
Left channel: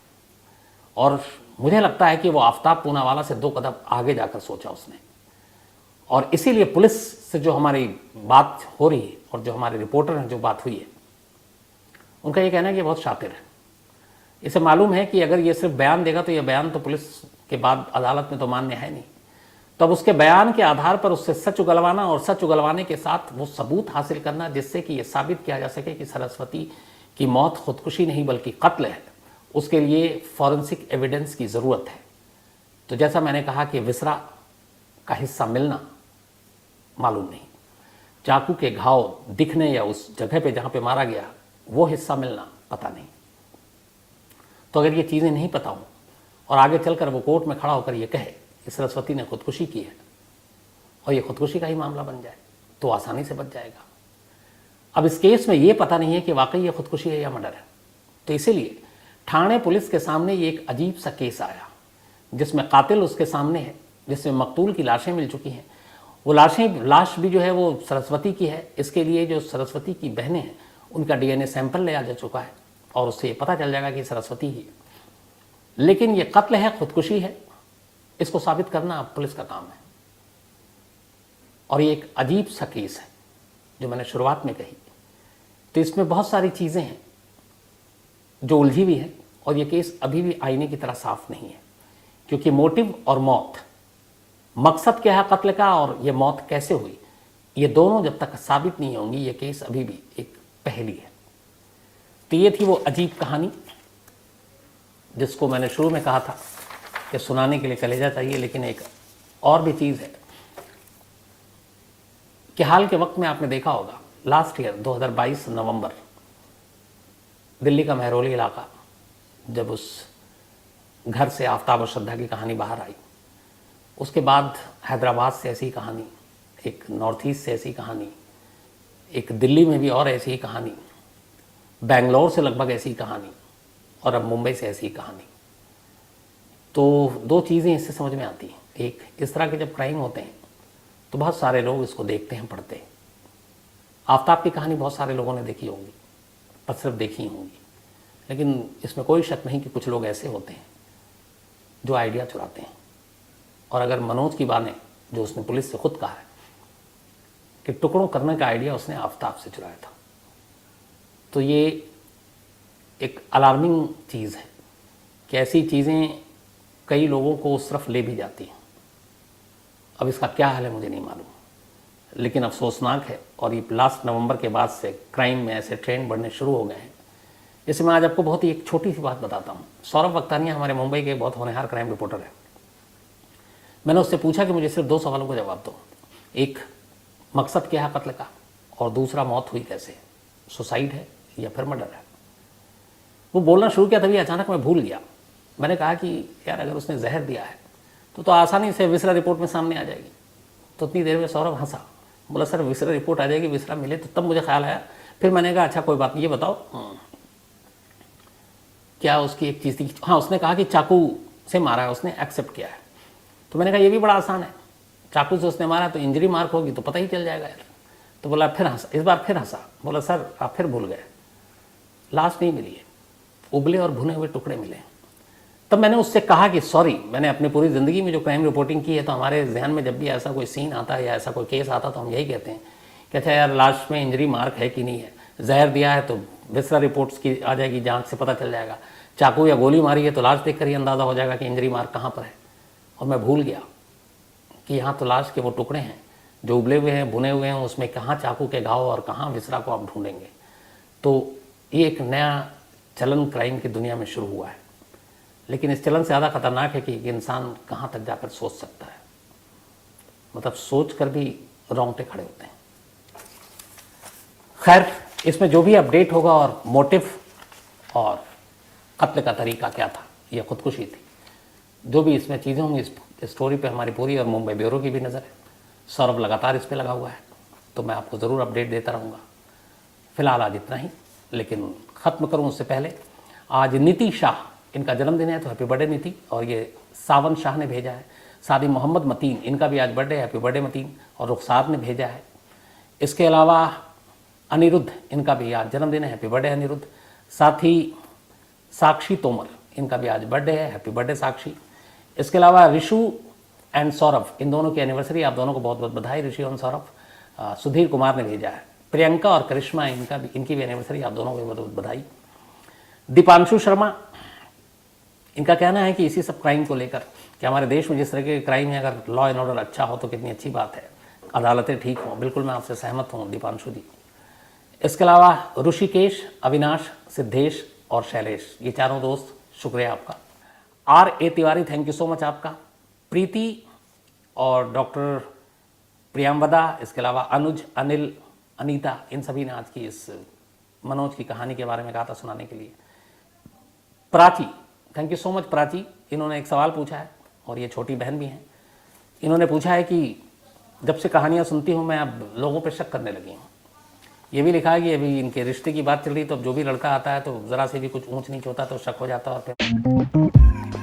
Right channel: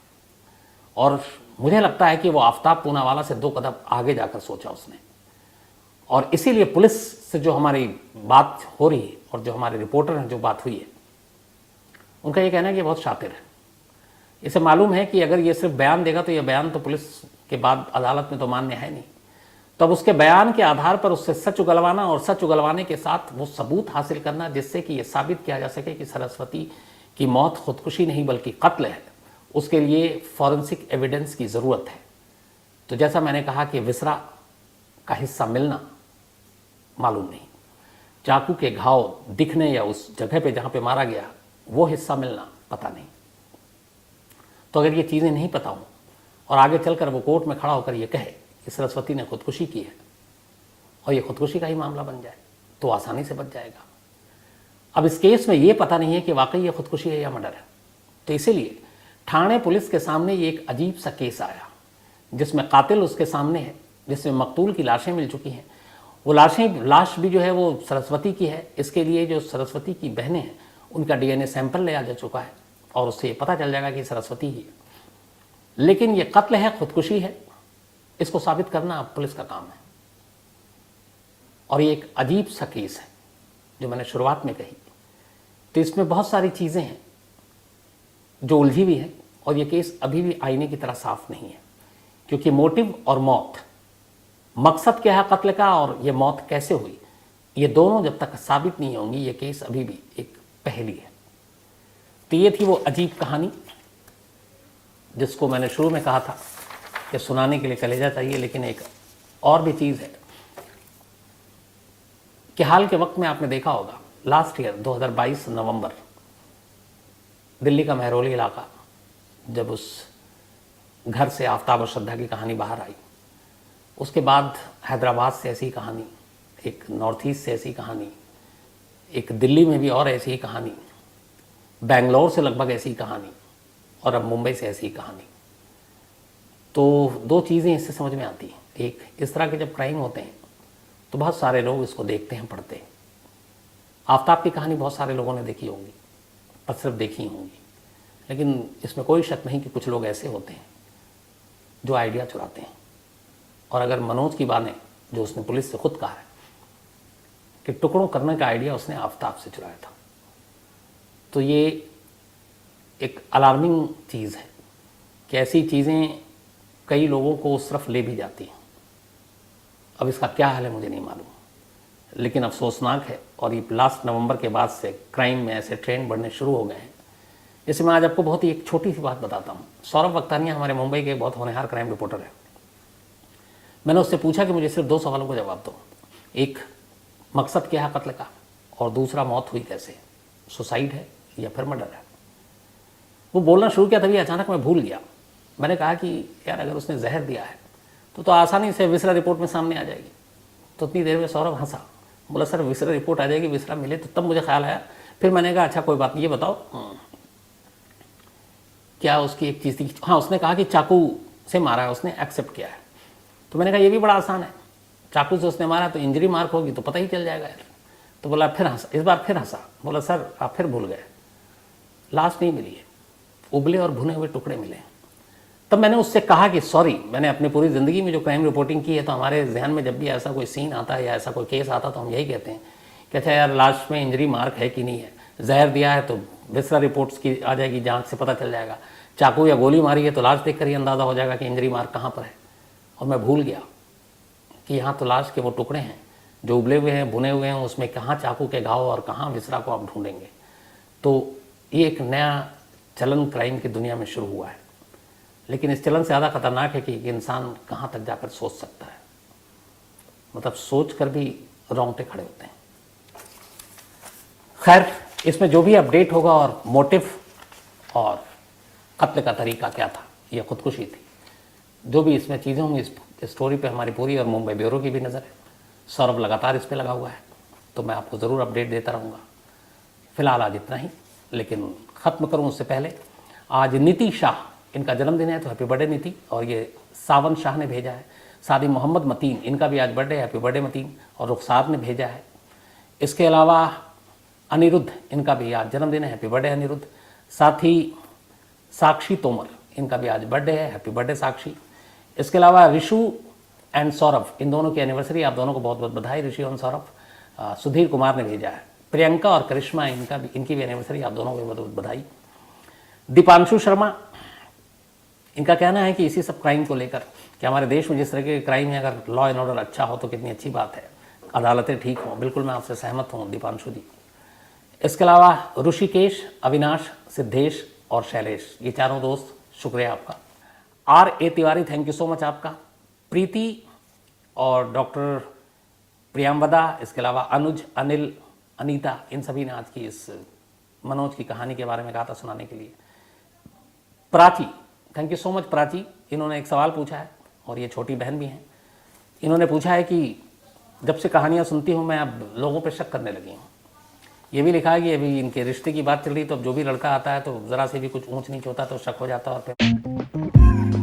और मुझे लगता है कि वो आफ्ताब पूनावाला से 2 कदम आगे जाकर सोचा उसने। और इसीलिए पुलिस से जो हमारी बात हो रही है और जो हमारे रिपोर्टर हैं जो बात हुई है, उनका ये कहना है कि बहुत शातिर है। इसे मालूम है कि अगर ये सिर्फ बयान देगा तो ये बयान तो पुलिस के बाद अदालत में तो मान्य है नहीं, तब उसके बयान के आधार पर उससे सच उगलवाना, और सच उगलवाने के साथ वो सबूत हासिल करना जिससे कि ये साबित किया जा सके कि सरस्वती की मौत खुदकुशी नहीं बल्कि कत्ल है, उसके लिए फॉरेंसिक एविडेंस की जरूरत है। तो जैसा मैंने कहा कि विसरा का हिस्सा मिलना मालूम नहीं, चाकू के घाव दिखने या उस जगह पे जहां पे मारा गया वो हिस्सा मिलना पता नहीं। तो अगर ये चीजें नहीं पता हो और आगे चलकर वो कोर्ट में खड़ा होकर ये कहे कि सरस्वती ने खुदकुशी की है और ये खुदकुशी का ही मामला बन जाए तो आसानी से बच जाएगा। अब इस केस में ये पता नहीं है कि वाकई ये खुदकुशी है या मर्डर है, तो इसीलिए थाने पुलिस के सामने ये एक अजीब सा केस आया जिसमें कातिल उसके सामने है, जिसमें मकतूल की लाशें मिल चुकी हैं। वो लाश भी जो है वो सरस्वती की है। इसके लिए जो सरस्वती की बहनें हैं उनका डीएनए सैंपल लिया जा चुका है और उससे पता चल जाएगा कि सरस्वती ही है। लेकिन ये कत्ल है, खुदकुशी है, इसको साबित करना पुलिस का काम है। और ये एक अजीब सा केस है जो मैंने शुरुआत में कही। तो इसमें बहुत सारी चीजें हैं जो उलझी हुई हैं और ये केस अभी भी आईने की तरह साफ नहीं है, क्योंकि मोटिव और मौत, मकसद क्या है कत्ल का और ये मौत कैसे हुई, ये दोनों जब तक साबित नहीं होंगी ये केस अभी भी एक पहेली है। तो ये थी वो अजीब कहानी जिसको मैंने शुरू में कहा था कि सुनाने के लिए कलेजा चाहिए, लेकिन एक और भी चीज है कि हाल के वक्त में आपने देखा होगा, लास्ट ईयर 2022 नवंबर, दिल्ली का महरौली इलाका, जब उस घर से आफ्ताब और श्रद्धा की कहानी बाहर आई, उसके बाद हैदराबाद से ऐसी कहानी, एक नॉर्थ ईस्ट से ऐसी कहानी, एक दिल्ली में भी और ऐसी कहानी, बेंगलोर से लगभग ऐसी कहानी, और अब मुंबई से ऐसी कहानी। तो दो चीज़ें इससे समझ में आती हैं। एक, इस तरह के जब क्राइम होते हैं तो बहुत सारे लोग इसको देखते हैं, पढ़ते हैं। आफ्ताब की कहानी बहुत सारे लोगों ने देखी होंगी, पर सिर्फ देखी होंगी, लेकिन इसमें कोई शक नहीं कि कुछ लोग ऐसे होते हैं जो आइडिया चुराते हैं। और अगर मनोज की माने, जो उसने पुलिस से खुद कहा है कि टुकड़ों करने का आइडिया उसने आफ्ताब से चुराया था, तो ये एक अलार्मिंग चीज़ है कि ऐसी चीज़ें कई लोगों को उस तरफ ले भी जाती हैं। अब इसका क्या हाल है मुझे नहीं मालूम, लेकिन अफसोसनाक है। और ये लास्ट नवंबर के बाद से क्राइम में ऐसे ट्रेंड बढ़ने शुरू हो गए हैं। इसमें आज आपको बहुत ही एक छोटी सी बात बताता हूँ। सौरभ वक्तानिया हमारे मुंबई के बहुत होनहार क्राइम रिपोर्टर हैं। मैंने उससे पूछा कि मुझे सिर्फ दो सवालों का जवाब दो। एक, मकसद क्या है कत्ल का, और दूसरा, मौत हुई कैसे, सुसाइड है या फिर मर्डर है। वो बोलना शुरू किया, तभी अचानक मैं भूल गया। मैंने कहा कि यार अगर उसने जहर दिया है तो आसानी से विसरा रिपोर्ट में सामने आ जाएगी। तो उतनी देर में सौरभ हंसा, बोले सर विसरा रिपोर्ट आ जाएगी, विसरा मिले तो तब मुझे ख्याल आया। फिर मैंने कहा अच्छा कोई बात नहीं, ये बताओ क्या उसकी एक चीज थी। हाँ, उसने कहा कि चाकू से मारा है, उसने एक्सेप्ट किया है। तो मैंने कहा ये भी बड़ा आसान है, चाकू से उसने मारा तो इंजरी मार्क होगी तो पता ही चल जाएगा यार। तो बोला, फिर हंसा, इस बार फिर हंसा, बोला सर आप फिर भूल गए, लाश नहीं मिली है, उबले और भुने हुए टुकड़े मिले। तो मैंने उससे कहा कि सॉरी, मैंने अपनी पूरी ज़िंदगी में जो क्राइम रिपोर्टिंग की है, तो हमारे जहन में जब भी ऐसा कोई सीन आता है या ऐसा कोई केस आता है तो हम यही कहते हैं कि अच्छा यार लाश में इंजरी मार्क है कि नहीं है, जहर दिया है तो विसरा रिपोर्ट्स की आ जाएगी, जांच से पता चल जाएगा, चाकू या गोली मारी है तो लाश देख कर ही अंदाज़ा हो जाएगा कि इंजरी मार्क कहाँ पर है। और मैं भूल गया कि यहाँ तो लाश के वो टुकड़े हैं जो उबले हुए हैं, भुने हुए हैं, उसमें कहाँ चाकू के घाव और कहाँ विसरा को आप ढूंढेंगे। तो ये एक नया चलन क्राइम की दुनिया में शुरू हुआ है, लेकिन इस चलन से ज़्यादा खतरनाक है कि इंसान कहाँ तक जाकर सोच सकता है, मतलब सोच कर भी रोंगटे खड़े होते हैं। खैर, इसमें जो भी अपडेट होगा और मोटिव और कत्ल का तरीका क्या था, ये खुदकुशी थी, जो भी इसमें चीज़ें होंगी, इस स्टोरी पे हमारी पूरी और मुंबई ब्यूरो की भी नज़र है। सौरभ लगातार इस पर लगा हुआ है, तो मैं आपको ज़रूर अपडेट देता रहूँगा। फिलहाल आज इतना ही, लेकिन ख़त्म करूँ उससे पहले, आज नीति शाह, इनका जन्मदिन है, तो हैप्पी बर्थडे नीति। और ये सावन शाह ने भेजा है, सादी मोहम्मद मतीन, इनका भी आज बर्थडे, हैप्पी बर्थडे मतीन। और रुखसार ने भेजा है। इसके अलावा अनिरुद्ध, इनका भी आज जन्मदिन है, हैप्पी बर्थडे अनिरुद्ध। साथ ही साक्षी तोमर, इनका भी आज बर्थडे है, हैप्पी बर्थडे साक्षी। इसके अलावा ऋषु एंड सौरभ, इन दोनों की एनिवर्सरी, आप दोनों को बहुत बहुत बधाई ऋषि और सौरभ। सुधीर कुमार ने भेजा है। प्रियंका और करिश्मा, इनकी भी एनिवर्सरी, आप दोनों को बहुत बहुत बधाई। दीपांशु शर्मा, इनका कहना है कि इसी सब क्राइम को लेकर कि हमारे देश में जिस तरह के क्राइम है, अगर लॉ एंड ऑर्डर अच्छा हो तो कितनी अच्छी बात है, अदालतें ठीक हों। बिल्कुल मैं आपसे सहमत हूँ दीपांशु जी। इसके अलावा ऋषिकेश, अविनाश, सिद्धेश और शैलेश, ये चारों दोस्त, शुक्रिया आपका। R.A. Tiwari, thank you so much आपका। प्रीति और डॉक्टर प्रियंवदा, इसके अलावा अनुज, अनिल, अनीता, इन सभी ने आज की इस मनोज की कहानी के बारे में कहा था सुनाने के लिए। Prachi, thank you so much Prachi, इन्होंने एक सवाल पूछा है, और ये छोटी बहन भी हैं। इन्होंने पूछा है कि जब से कहानियाँ सुनती हूँ मैं अब लोगों पर शक करने लगी हूँ। ये भी लिखा है कि अभी इनके रिश्ते की बात चल रही, तो अब जो भी लड़का आता है तो ज़रा से भी कुछ ऊंच नीच होता है तो शक हो जाता है।